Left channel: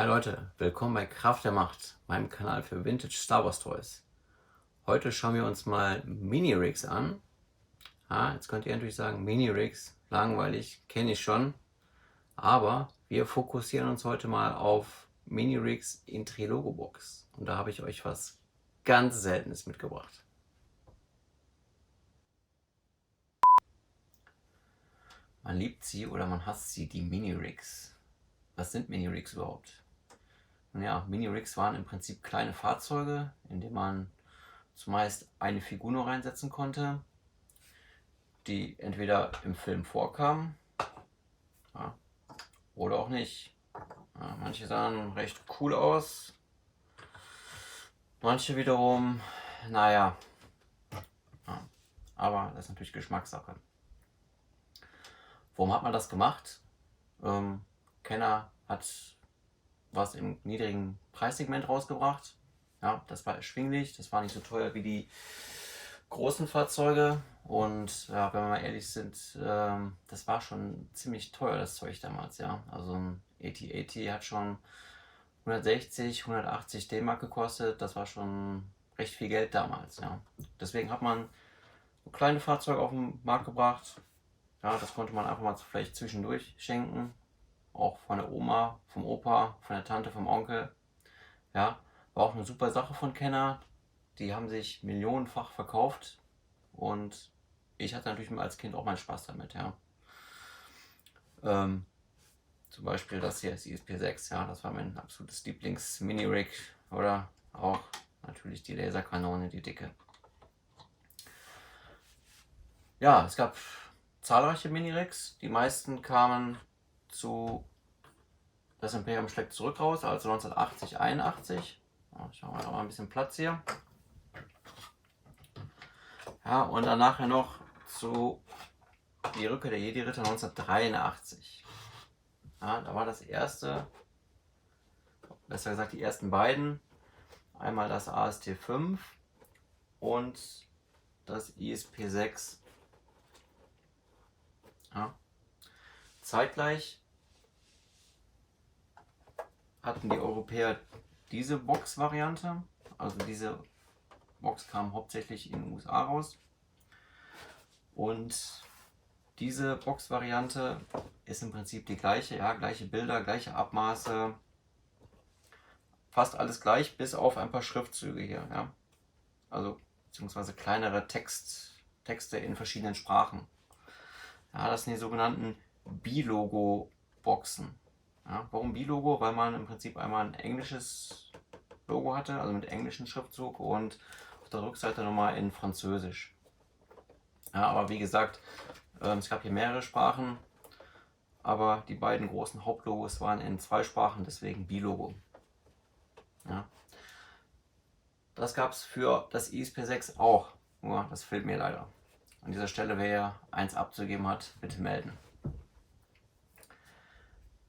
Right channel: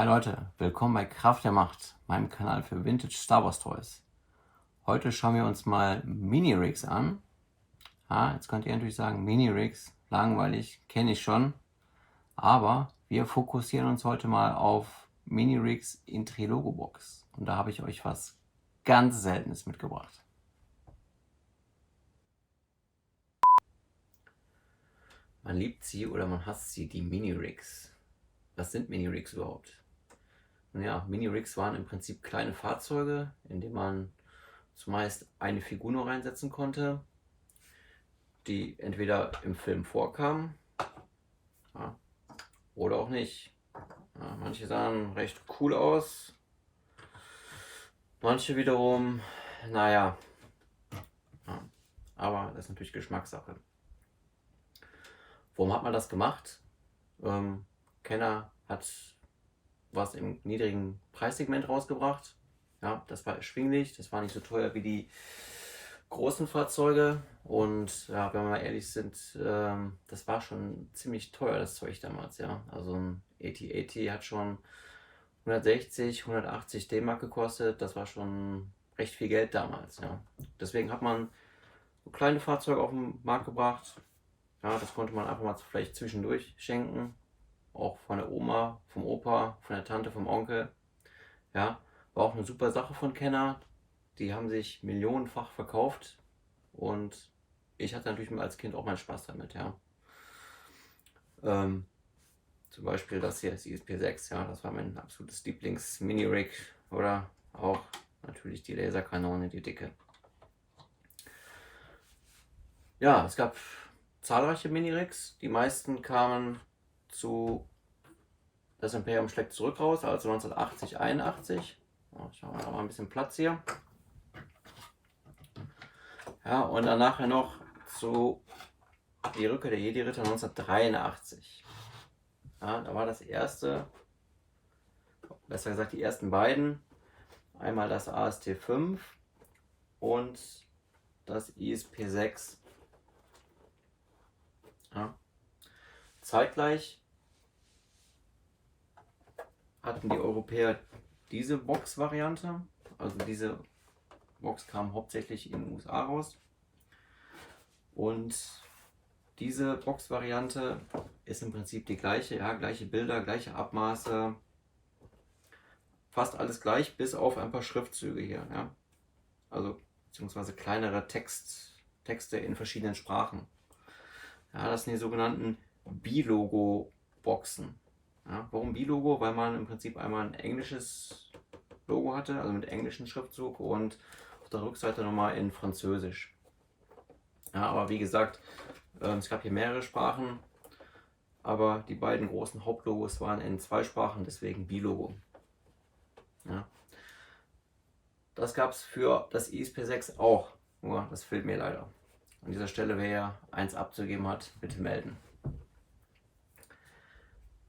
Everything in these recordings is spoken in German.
Hi Leute, willkommen bei Kraft der Macht, meinem Kanal für Vintage Star Wars Toys. Heute schauen wir uns mal Mini-Rigs an. Jetzt könnt ihr natürlich sagen, Mini-Rigs, langweilig, kenne ich schon. Aber wir fokussieren uns heute mal auf Mini-Rigs in Trilogo-Box. Und da habe ich euch was ganz Seltenes mitgebracht. Man liebt sie oder man hasst sie, die Mini-Rigs. Was sind Mini-Rigs überhaupt? Nun ja, Mini-Rigs waren im Prinzip kleine Fahrzeuge, in denen man zumeist eine Figur nur reinsetzen konnte, die entweder im Film vorkam, ja, oder auch nicht. Ja, manche sahen recht cool aus, manche wiederum, naja, ja, aber das ist natürlich Geschmackssache. Warum hat man das gemacht? Kenner hat was im niedrigen Preissegment rausgebracht. Ja, das war erschwinglich, das war nicht so teuer wie die großen Fahrzeuge. Und ja, wenn wir mal ehrlich sind, das war schon ziemlich teuer, das Zeug damals. Ja, also ein AT-AT hat schon 160, 180 D-Mark gekostet. Das war schon recht viel Geld damals. Ja, deswegen hat man so kleine Fahrzeuge auf den Markt gebracht. Ja, das konnte man einfach mal vielleicht zwischendurch schenken. Auch von der Oma, vom Opa, von der Tante, vom Onkel. Ja, war auch eine super Sache von Kenner. Die haben sich millionenfach verkauft und ich hatte natürlich als Kind auch meinen Spaß damit. Ja. Zum Beispiel das hier ist ISP6, ja, das war mein absolutes Lieblings-Mini-Rig. Oder auch natürlich die Laserkanone, die dicke. Ja, es gab zahlreiche Mini-Rigs. Die meisten kamen zu Das Imperium schlägt zurück raus, also 1980, 81. Ich mache mal ein bisschen Platz hier. Ja, und dann nachher noch zu Die Rückkehr der Jedi-Ritter 1983. Ja, da war das erste, besser gesagt die ersten beiden. Einmal das AST5 und das ISP6. Ja. Zeitgleich hatten die Europäer diese Box-Variante. Also diese Box kam hauptsächlich in den USA raus. Und diese Box-Variante ist im Prinzip die gleiche, ja, gleiche Bilder, gleiche Abmaße, fast alles gleich, bis auf ein paar Schriftzüge hier, ja. Also beziehungsweise kleinere Texte in verschiedenen Sprachen. Ja, das sind die sogenannten Bilogo-Boxen. Ja, warum Bilogo? Weil man im Prinzip einmal ein englisches Logo hatte, also mit englischen Schriftzug und auf der Rückseite nochmal in Französisch. Ja, aber wie gesagt, es gab hier mehrere Sprachen, aber die beiden großen Hauptlogos waren in zwei Sprachen, deswegen Bilogo. Ja. Das gab es für das ISP6 auch, nur das fehlt mir leider. An dieser Stelle, wer eins abzugeben hat, bitte melden.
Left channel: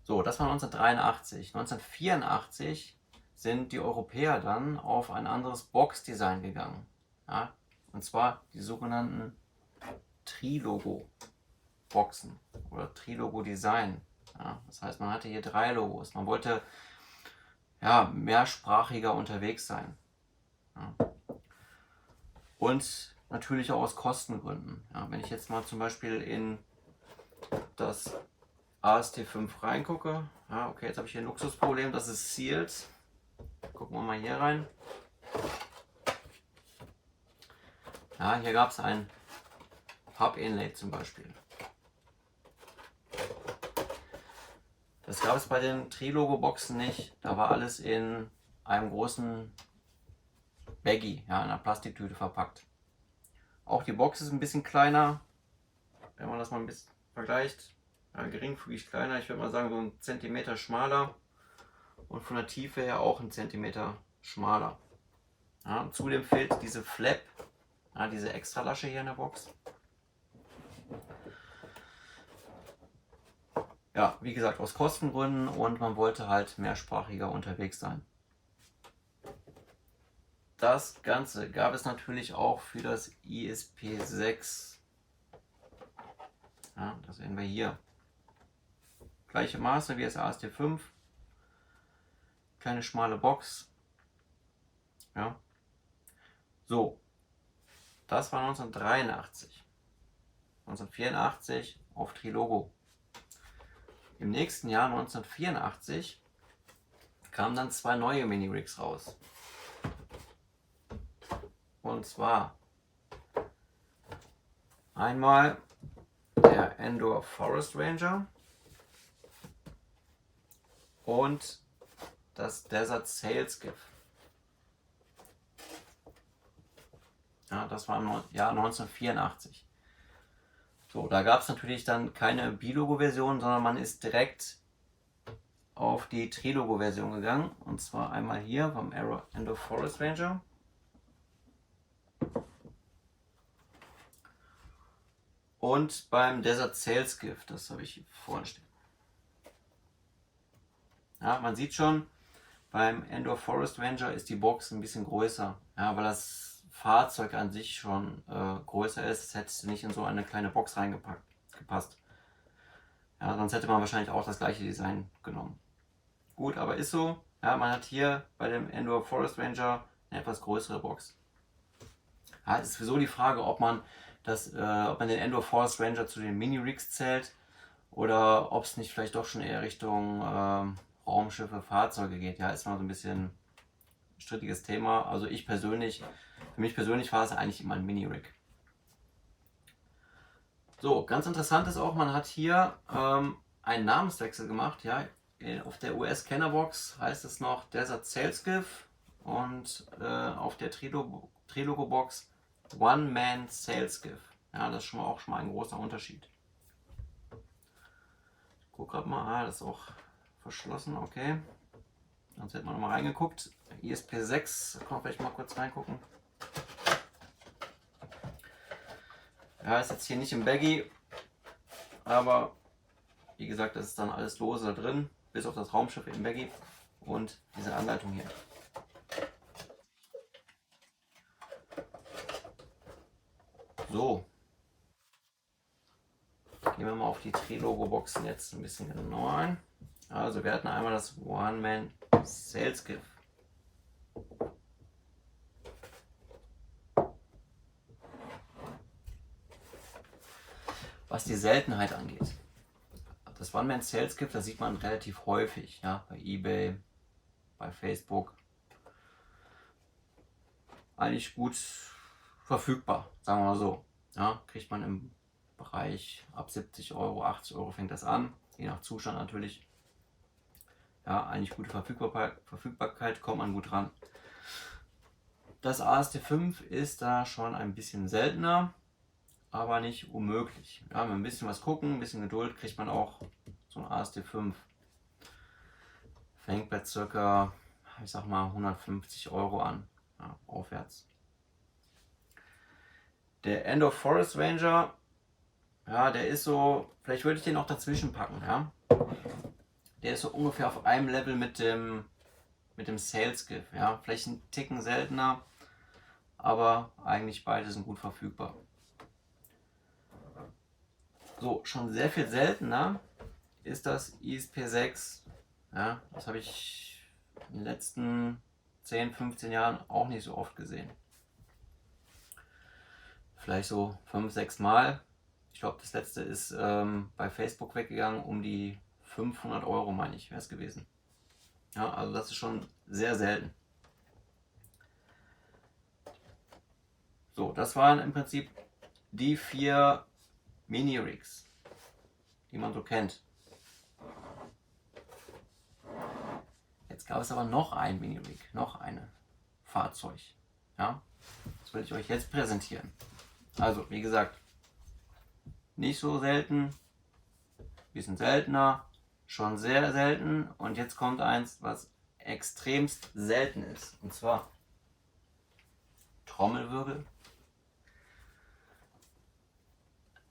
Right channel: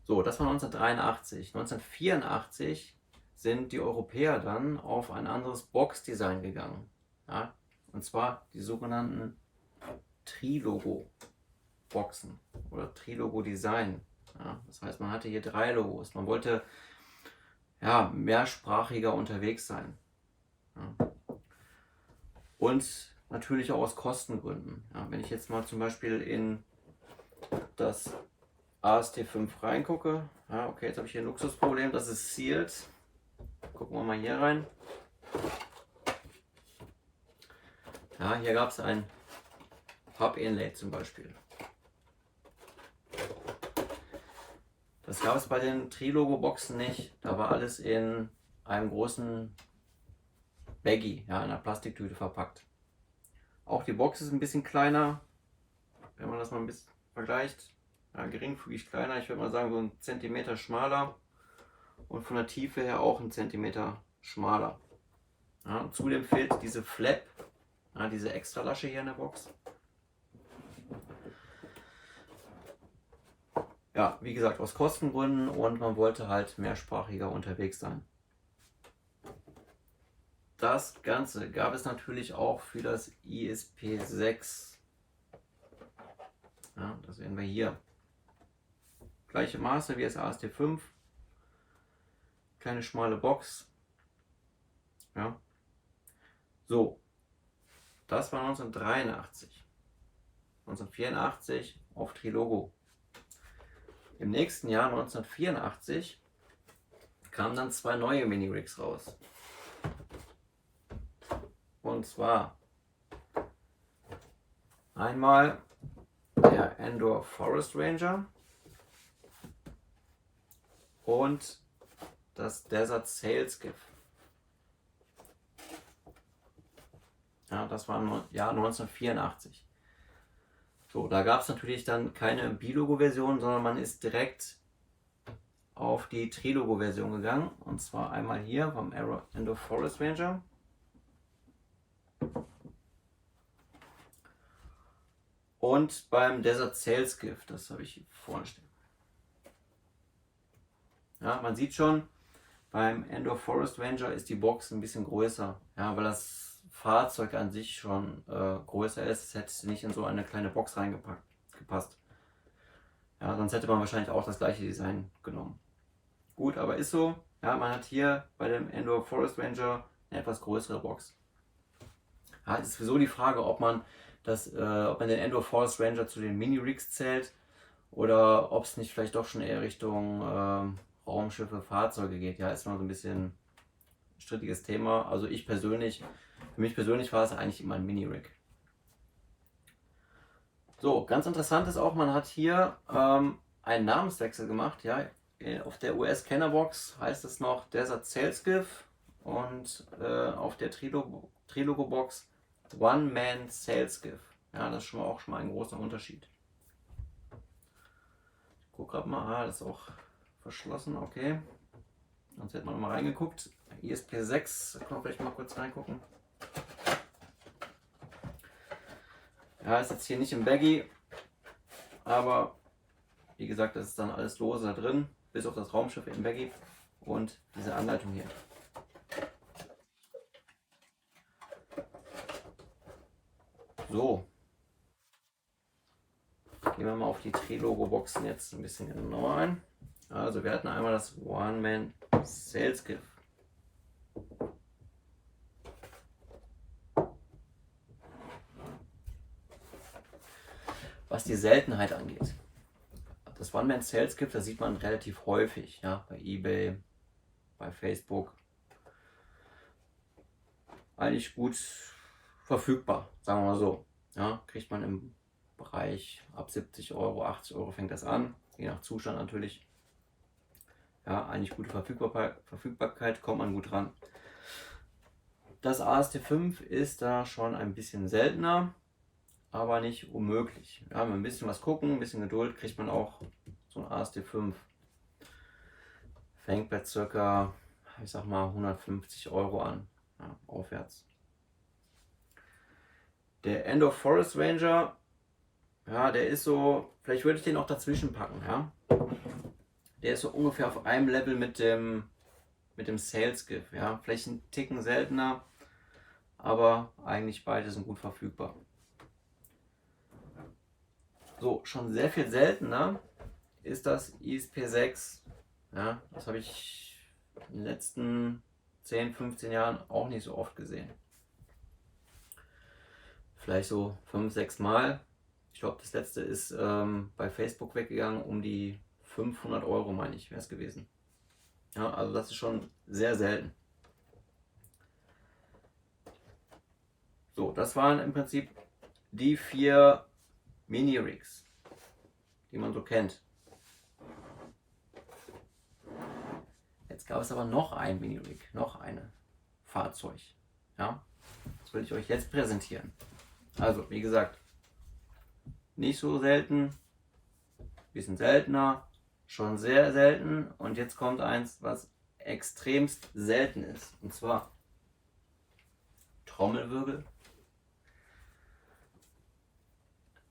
So, das war 1983. 1984 sind die Europäer dann auf ein anderes Box-Design gegangen. Ja? Und zwar die sogenannten Trilogo-Boxen oder Trilogo-Design. Ja? Das heißt, man hatte hier 3 Logos. Man wollte ja, mehrsprachiger unterwegs sein. Ja? Und natürlich auch aus Kostengründen. Ja? Wenn ich jetzt mal zum Beispiel in das AST5 reingucke, ja, okay, jetzt habe ich hier ein Luxusproblem, das ist sealed. Gucken wir mal hier rein. Ja, hier gab es ein Hub-Inlay zum Beispiel. Das gab es bei den Trilogo-Boxen nicht. Da war alles in einem großen Baggy, ja, in einer Plastiktüte verpackt. Auch die Box ist ein bisschen kleiner, wenn man das mal ein bisschen vergleicht. Ja, geringfügig kleiner, ich würde mal sagen so ein Zentimeter schmaler und von der Tiefe her auch ein Zentimeter schmaler. Ja, zudem fehlt diese Flap, ja, diese Extralasche hier in der Box. Ja, wie gesagt, aus Kostengründen und man wollte halt mehrsprachiger unterwegs sein. Das Ganze gab es natürlich auch für das ISP6. Ja, das sehen wir hier. Gleiche Maße wie das AST5. Kleine schmale Box. Ja. So, das war 1983. 1984 auf Trilogo. Im nächsten Jahr 1984 kamen dann 2 neue Mini-Rigs raus. Und zwar einmal der Endor Forest Ranger und das Desert Sailskiff. Ja, das war im Jahr 1984. So, da gab es natürlich dann keine Bilogo-Version, sondern man ist direkt auf die Trilogo-Version gegangen. Und zwar einmal hier vom Endor Forest Ranger. Und beim Desert Sailskiff, das habe ich hier vorne stehen. Ja, man sieht schon, beim Endor Forest Ranger ist die Box ein bisschen größer. Ja, weil das Fahrzeug an sich schon größer ist. Es hätte nicht in so eine kleine Box gepasst. Ja, sonst hätte man wahrscheinlich auch das gleiche Design genommen. Gut, aber ist so. Ja, man hat hier bei dem Endor Forest Ranger eine etwas größere Box. Ja, es ist sowieso die Frage, ob man den Endor Forest Ranger zu den Mini-Rigs zählt oder ob es nicht vielleicht doch schon eher Richtung Raumschiffe, Fahrzeuge geht. Ja, ist mal so ein bisschen ein strittiges Thema. Also für mich persönlich war es eigentlich immer ein Mini-Rig. So, ganz interessant ist auch, man hat hier einen Namenswechsel gemacht. Ja, auf der US-Kennerbox heißt es noch Desert Sailskiff und auf der Trilogo-Box One-Man Sailskiff. Ja, das ist auch schon mal ein großer Unterschied. Ich gucke gerade mal, das ist auch verschlossen, okay. Sonst hätte man noch mal reingeguckt. ISP6, da kann man vielleicht mal kurz reingucken. Ja, ist jetzt hier nicht im Baggy, aber wie gesagt, das ist dann alles lose da drin, bis auf das Raumschiff im Baggy und diese Anleitung hier. So, gehen wir mal auf die Trilogo-Boxen jetzt ein bisschen genauer ein. Also wir hatten einmal das One-Man Sailskiff. Was die Seltenheit angeht. Das One-Man Sailskiff, das sieht man relativ häufig, ja, bei eBay, bei Facebook. Eigentlich gut verfügbar, sagen wir mal so. Ja, kriegt man im Bereich ab 70 Euro, 80 Euro fängt das an, je nach Zustand natürlich. Ja, eigentlich gute Verfügbarkeit, kommt man gut ran. Das AST5 ist da schon ein bisschen seltener, aber nicht unmöglich. Ja, wenn wir ein bisschen was gucken, ein bisschen Geduld, kriegt man auch so ein AST5. Fängt bei ca., ich sag mal, 150 Euro an, ja, aufwärts. Der Endor Forest Ranger, ja, der ist so, vielleicht würde ich den auch dazwischen packen, ja. Der ist so ungefähr auf einem Level mit dem Sailskiff, ja. Vielleicht ein Ticken seltener, aber eigentlich beide sind gut verfügbar. So, schon sehr viel seltener ist das ISP6. Ja, das habe ich in den letzten 10, 15 Jahren auch nicht so oft gesehen. Vielleicht so 5, 6 Mal. Ich glaube, das letzte ist bei Facebook weggegangen, um die 500 Euro, meine ich, wäre es gewesen. Ja, also das ist schon sehr selten. So, das waren im Prinzip die 4 Mini-Rigs, die man so kennt. Jetzt gab es aber noch ein Mini-Rig, noch ein Fahrzeug. Ja, das will ich euch jetzt präsentieren. Also, wie gesagt, nicht so selten, bisschen seltener, schon sehr selten. Und jetzt kommt eins, was extremst selten ist. Und zwar Trommelwirbel.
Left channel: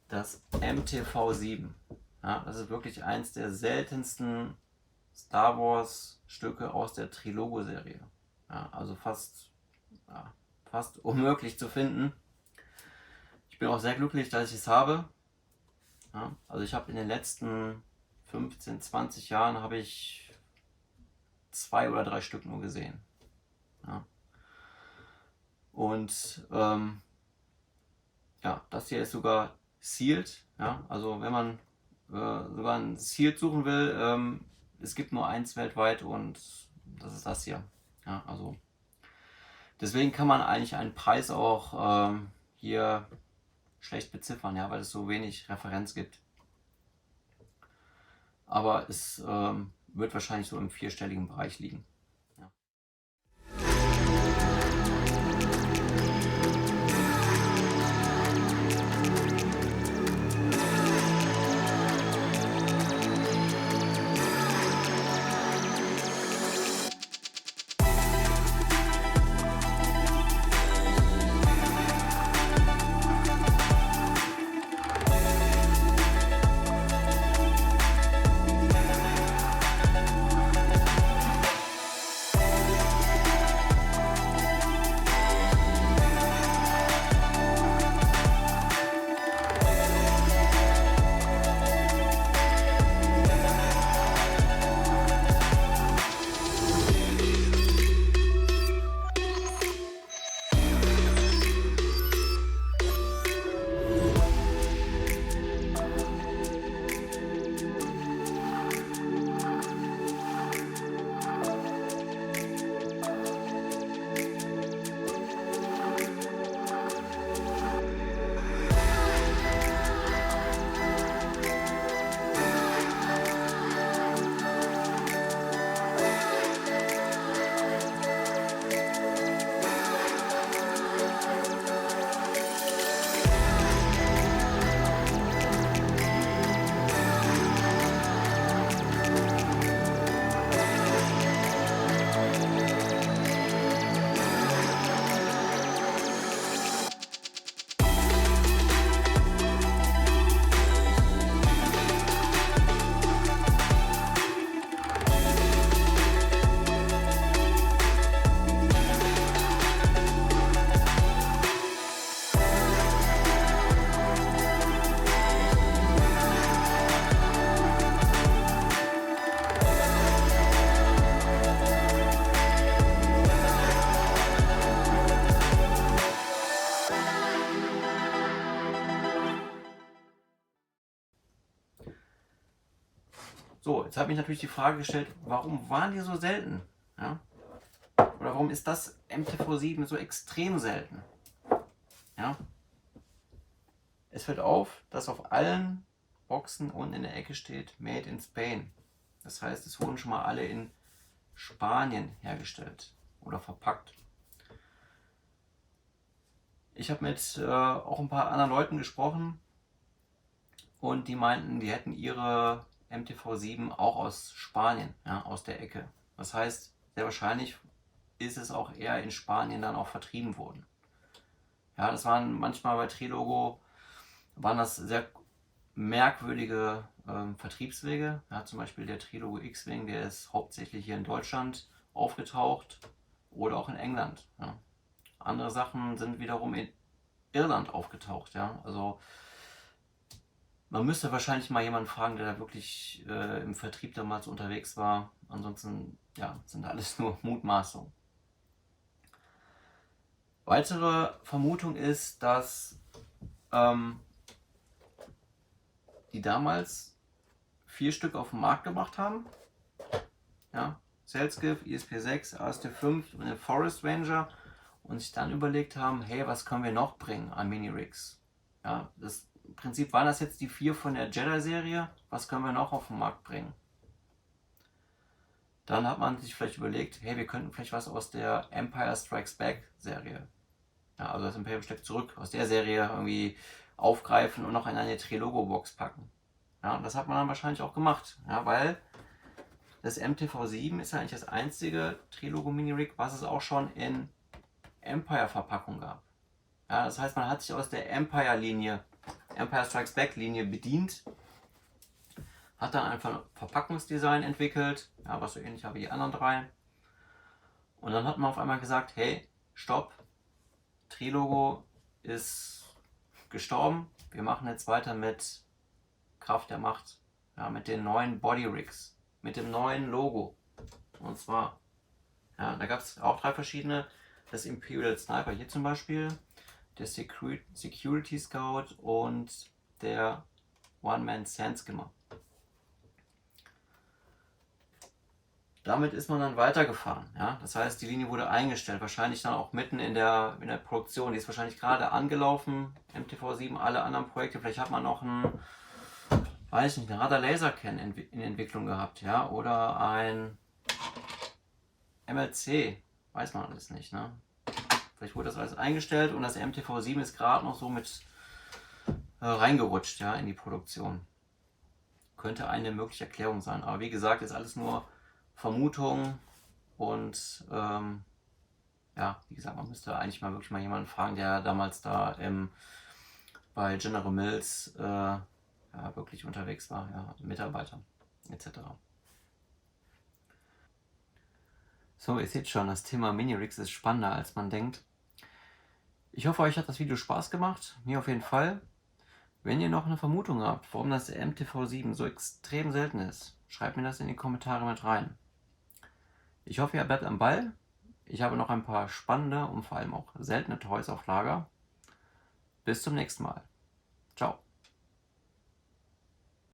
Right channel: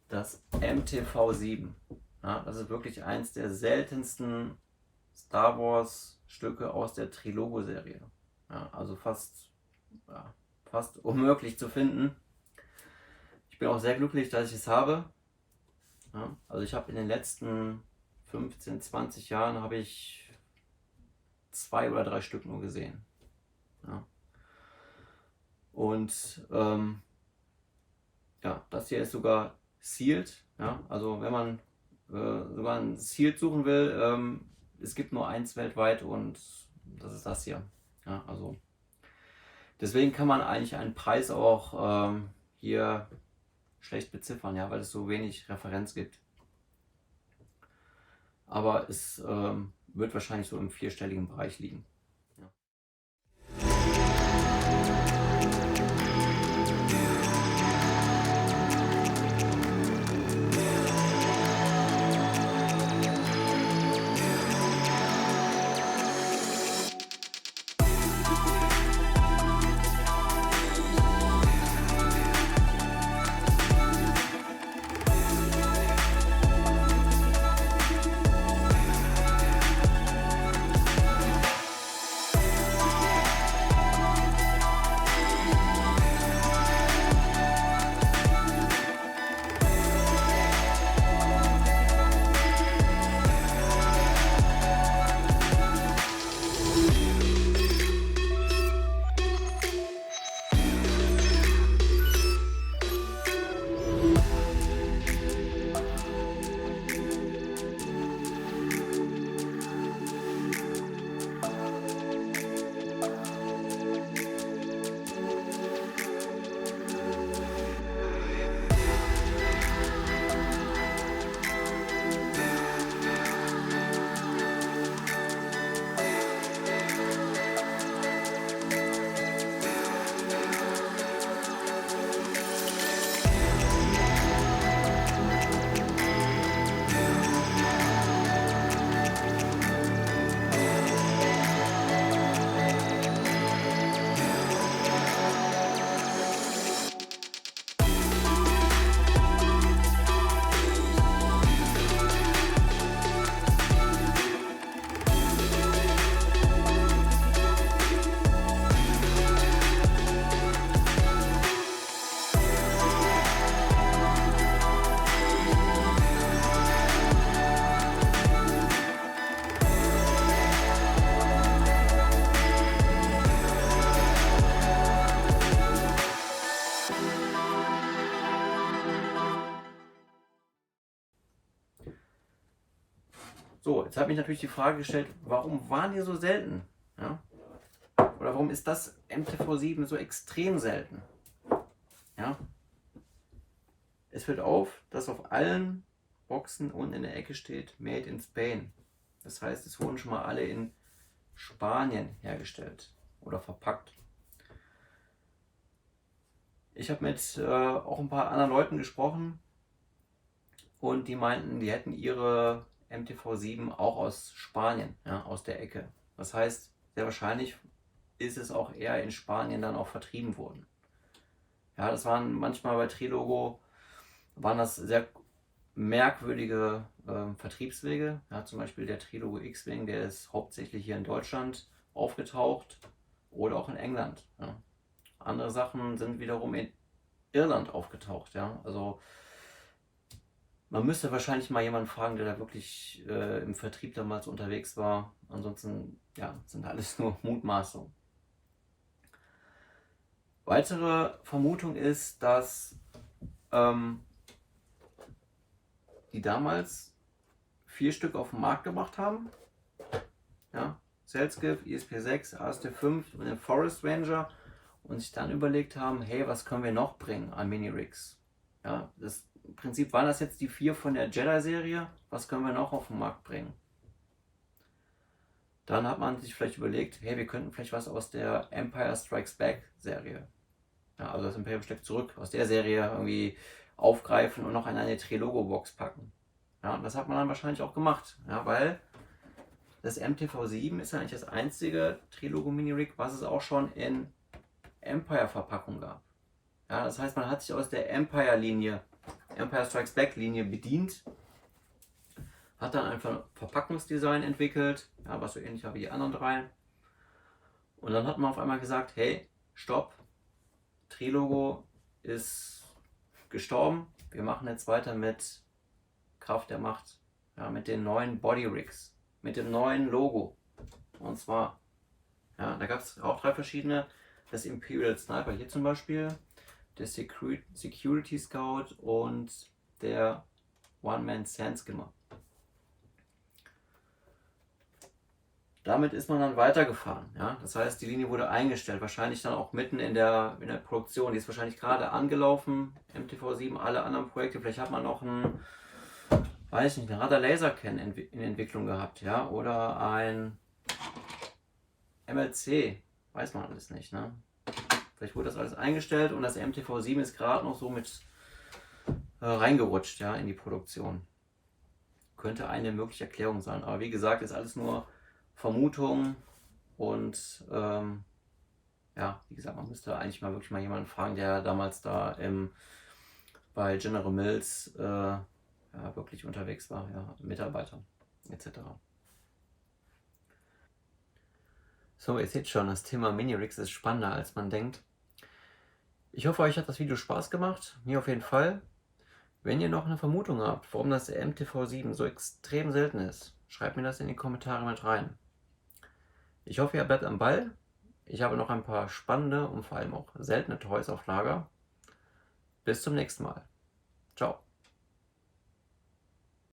Das MTV7. Ja, das ist wirklich eins der seltensten Star Wars Stücke aus der Trilogo-Serie. Ja, also fast unmöglich zu finden. Ich bin auch sehr glücklich, dass ich es habe. Ja, also ich habe in den letzten 15, 20 Jahren habe ich 2 oder 3 Stück nur gesehen. Ja. Und ja, das hier ist sogar sealed. Ja. Also wenn man sogar ein sealed suchen will, es gibt nur eins weltweit und das ist das hier. Ja, also deswegen kann man eigentlich einen Preis auch hier schlecht beziffern, ja, weil es so wenig Referenz gibt. Aber es wird wahrscheinlich so im 4-stelligen Bereich liegen. Ja. So, jetzt habe ich natürlich die Frage gestellt, warum waren die so selten? Ja? Oder warum ist das MTV7 so extrem selten? Ja? Es fällt auf, dass auf allen Boxen unten in der Ecke steht Made in Spain. Das heißt, es wurden schon mal alle in Spanien hergestellt oder verpackt. Ich habe mit auch ein paar anderen Leuten gesprochen und die meinten, die hätten ihre MTV7 auch aus Spanien, ja, aus der Ecke. Das heißt, sehr wahrscheinlich ist es auch eher in Spanien dann auch vertrieben worden. Ja, das waren manchmal bei Trilogo, waren das sehr merkwürdige Vertriebswege. Ja, zum Beispiel der Trilogo X-Wing, der ist hauptsächlich hier in Deutschland aufgetaucht oder auch in England. Ja. Andere Sachen sind wiederum in Irland aufgetaucht. Ja. Also man müsste wahrscheinlich mal jemanden fragen, der da wirklich im Vertrieb damals unterwegs war. Ansonsten ja, sind alles nur Mutmaßungen. Weitere Vermutung ist, dass die damals 4 Stück auf den Markt gebracht haben. Ja, Sailskiff, ESP6, AST5 und den Forest Ranger und sich dann überlegt haben, hey, was können wir noch bringen an Mini-Rigs? Ja, im Prinzip waren das jetzt die 4 von der Jedi-Serie, was können wir noch auf den Markt bringen? Dann hat man sich vielleicht überlegt, hey, wir könnten vielleicht was aus der Empire Strikes Back Serie, ja, also das Imperium schlägt zurück, aus der Serie irgendwie aufgreifen und noch in eine Trilogo-Box packen. Ja, und das hat man dann wahrscheinlich auch gemacht, ja, weil das MTV7 ist ja eigentlich das einzige Trilogo Mini-Rig, was es auch schon in Empire-Verpackung gab. Ja, das heißt, man hat sich aus der Empire-Linie, Empire Strikes Back-Linie bedient, hat dann einfach ein Verpackungsdesign entwickelt, ja, was so ähnlich war wie die anderen 3. Und dann hat man auf einmal gesagt, hey, stopp, Trilogo ist gestorben, wir machen jetzt weiter mit Kraft der Macht, ja, mit den neuen Body Rigs, mit dem neuen Logo. Und zwar, ja, da gab es auch 3 verschiedene. Das Imperial Sniper hier zum Beispiel, der Security Scout und der One-Man Sandskimmer. Damit ist man dann weitergefahren. Ja? Das heißt, die Linie wurde eingestellt, wahrscheinlich dann auch mitten in der Produktion. Die ist wahrscheinlich gerade angelaufen, MTV7, alle anderen Projekte. Vielleicht hat man noch einen, weiß nicht, einen Radar-Laser-Can in Entwicklung gehabt, ja, oder ein MLC, weiß man alles nicht. Ne? Vielleicht wurde das alles eingestellt und das MTV7 ist gerade noch so mit reingerutscht, ja, in die Produktion. Könnte eine mögliche Erklärung sein. Aber wie gesagt, ist alles nur Vermutung und ja, wie gesagt, man müsste eigentlich mal wirklich mal jemanden fragen, der damals da bei General Mills ja, wirklich unterwegs war, ja, Mitarbeiter etc. So, ihr seht schon, das Thema Mini-Rigs ist spannender, als man denkt. Ich hoffe, euch hat das Video Spaß gemacht, mir auf jeden Fall. Wenn ihr noch eine Vermutung habt, warum das MTV7 so extrem selten ist, schreibt mir das in die Kommentare mit rein. Ich hoffe, ihr bleibt am Ball. Ich habe noch ein paar spannende und vor allem auch seltene Toys auf Lager. Bis zum nächsten Mal. Ciao.